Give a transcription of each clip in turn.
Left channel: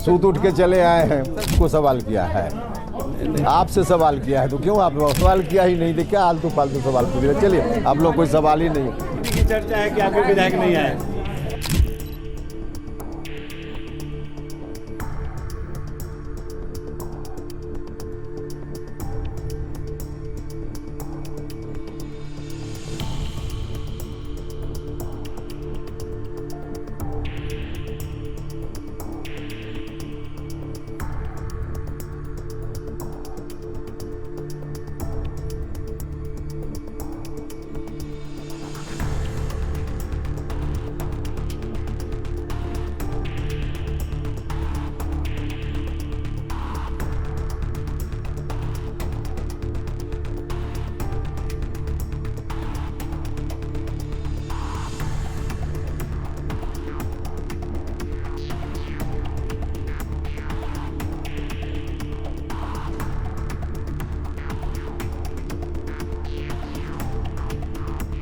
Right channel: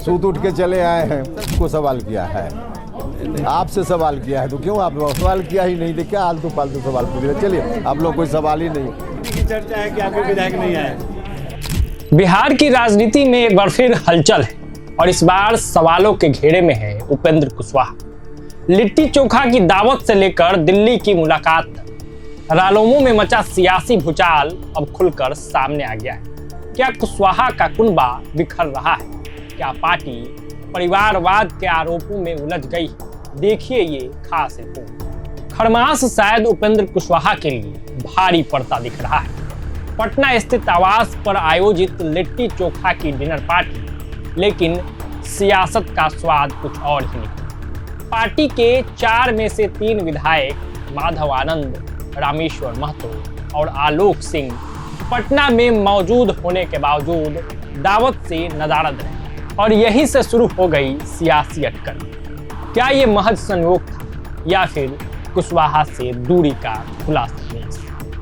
सूत उठ के चले आए हैं, को सवाल किया है, आपसे सवाल किया है, तो क्यों आप सवाल किया ही नहीं? देखिए आलतू फालतू सवाल पूछ रहे। चलिए, आप लोग कोई सवाल ही नहीं की चर्चा है कि आपके विधायक नहीं आए। बिहार की राजनीति में एक बार फिर हलचल है और इस बार सवालों के घेरे में है उपेंद्र कुशवाहा। लिट्टी चोखा की दावत से लेकर दिल्ली की मुलाकात तक रालोमो में मचा सियासी भूचाल अब खुलकर सामने आ गया है। क्या कुशवाहा का कुनबा बिखर रहा है? क्या पार्टी परिवारवाद के आरोपों में उलझ गई? देखिए ये खास रिपोर्ट। खरमास शायद उपेंद्र कुशवाहा के लिए भारी पड़ता दिख रहा है। पटना स्थित आवास पर आयोजित लिट्टी चोखा की डिनर पार्टी, लेकिन सियासत का स्वाद कुछ और ही नहीं। पार्टी के 4 में से 3 विधायक माधव आनंद, रामेश्वर महतो और आलोक सिंह पटना में मौजूद होने के बावजूद दावत से नदारद रहे और यहीं से शुरू हो गई सियासी अटकल। क्या ये महज संयोग था या फिर कुशवाहा से दूरी का खुला संदेश?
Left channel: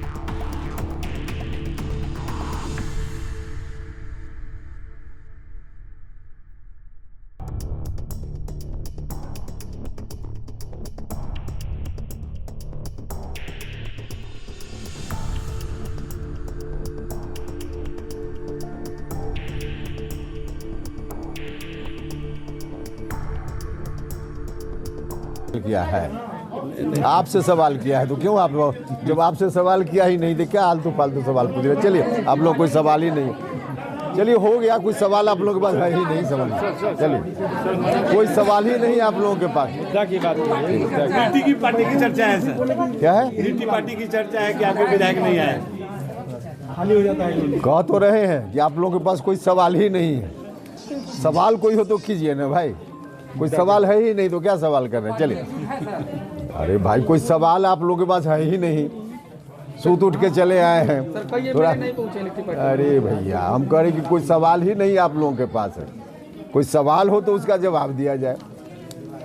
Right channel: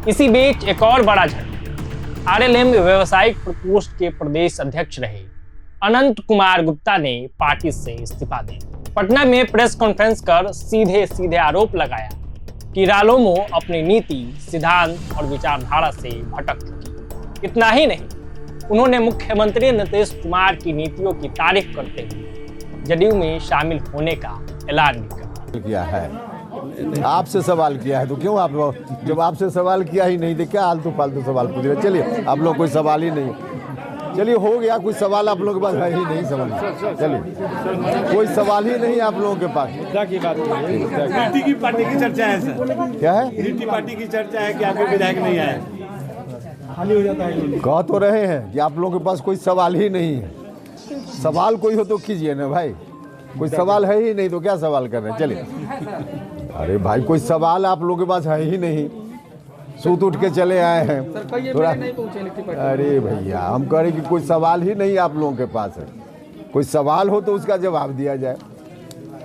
इसी बीच एक और बड़ा झटका। आरएलएम व्यावसायिक प्रकोष्ठ के प्रदेश अध्यक्ष रहे अनंत कुमार गुप्ता ने पार्टी से इस्तीफा दिया। पटना में प्रेस कॉन्फ्रेंस कर सीधे आरोप लगाया कि रालोमो अपनी नीति, सिद्धांत और विचारधारा से भटक चुकी। इतना ही नहीं, उन्होंने मुख्यमंत्री नीतीश कुमार की नीतियों की तारीफ करते हुए जदयू में शामिल होने का ऐलान भी किया है। आपसे सवाल किया है, तो क्यों आप लोग, जब आपसे सवाल किया ही नहीं, देखिए आलतू फालतू सवाल पूछ रहे। चलिए, आप लोग कोई सवाल ही नहीं। चलिए, हो गया, कोई सवाल आप लोगों के पास है ही नहीं। समझ, चलिए, कोई सवाल ही नहीं आप लोगों के पास। की बात लिट्टी की पार्टी की चर्चा है सर। क्या है? लिट्टी पार्टी की चर्चा है कि आपके विधायक नहीं आए। खाली हो जाता है। कह तो रहे हैं कि आप लोगों के पास कोई सवाल ही नहीं है। सवाल कोई हो तो कीजिए ना भाई। कोई सवाल है ही नहीं तो क्या सवाल कर रहे हैं? चलिए। अरे भाई, कोई सवाल आप लोगों के पास है ही नहीं, सूत उठ के चले आए हैं थोड़ा। अरे भैया, हम कह रहे कि कोई सवाल ही नहीं आप लोगों के पास है। कोई सवाल हो तो उसका जवाब दिया जाए।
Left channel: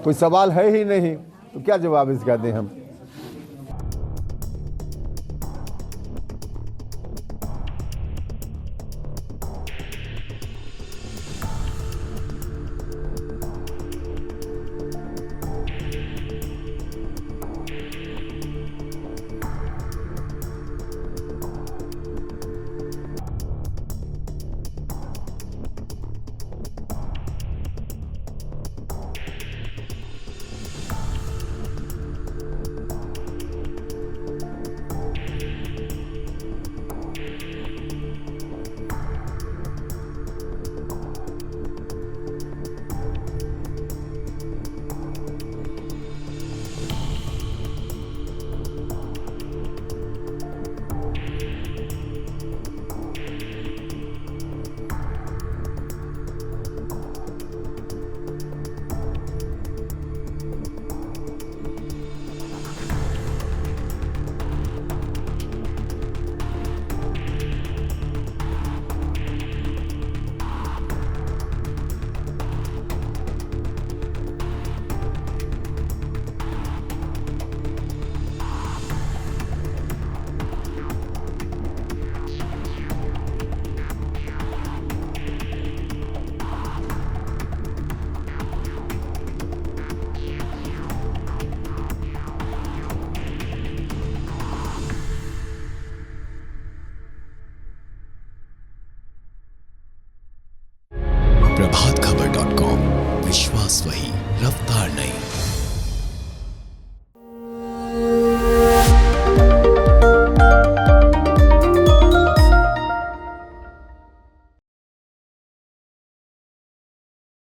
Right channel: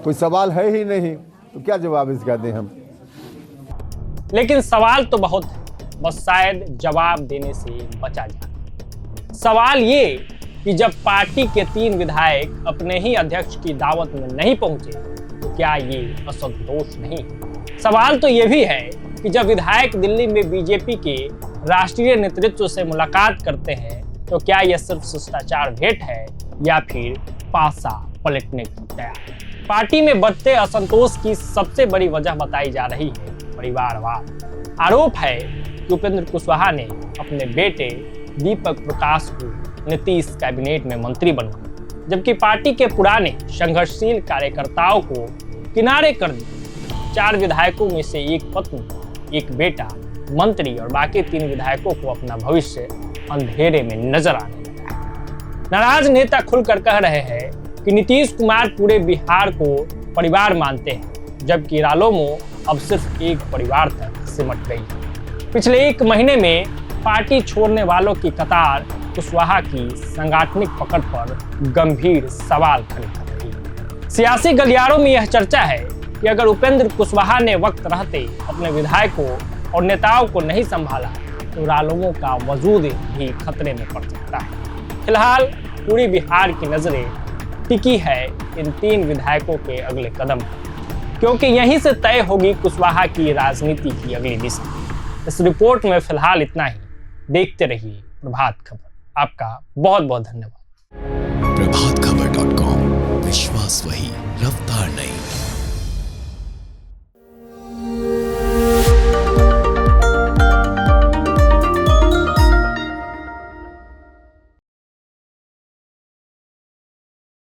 कोई सवाल है ही नहीं तो क्या जवाब इसका दें हम? लेकिन सवाल तो बहुत है, बस शायद जवाब देने से बचा जाए। सवाल ये कि जब पार्टी के 3 विधायक अपने ही अध्यक्ष की दावत में नहीं पहुंचे तो क्या ये असंतोष नहीं? सवाल तो ये भी है कि जब विधायक दिल्ली में बीजेपी के राष्ट्रीय नेतृत्व से मुलाकात करते हैं तो क्या यह सिर्फ शिष्टाचार भेंट है या फिर पासा पलटने की तैयारी? पार्टी में बढ़ते असंतोष की सबसे बड़ी वजह बताई जा रही है परिवारवाद। आरोप है कि उपेंद्र कुशवाहा ने अपने बेटे दीपक प्रकाश को नीतीश कैबिनेट में मंत्री बनाया, जबकि पार्टी के पुराने संघर्षशील कार्यकर्ताओं को किनारे कर दिया। 4 विधायकों में से एक पत्नी, एक बेटा मंत्री और बाकी 3 विधायकों को अपना भविष्य अंधेरे में नजर आने लगा। नाराज नेता खुलकर कह रहे हैं कि नीतीश कुमार पूरे बिहार को परिवार मानते हैं, जबकि रालोमो अब सिर्फ एक परिवार तक सिमट गई। पिछले 1 महीने में पार्टी छोड़ने वालों की कतार कुशवाहा की सांगठनिक पकड़ पर गंभीर सवाल खड़े कर रही है। सियासी गलियारों में यह चर्चा है कि अगर उपेंद्र कुशवाहा ने वक्त रहते अपने विधायकों और नेताओं को नहीं संभाला तो रालोमो का वजूद भी खतरे में पड़ सकता है। फिलहाल पूरी बिहार की नजरें टिकी है इन 3 विधायकों के अगले कदम पर, क्योंकि यहीं से तय होगी कुशवाहा की राजनीति की अगली दिशा। इस रिपोर्ट में फिलहाल इतना ही। देखते रहिए प्रभात खबर। आपका बहुत बहुत धन्यवाद। प्रभातखबर.com, विश्वास वही, रफ्तार नहीं।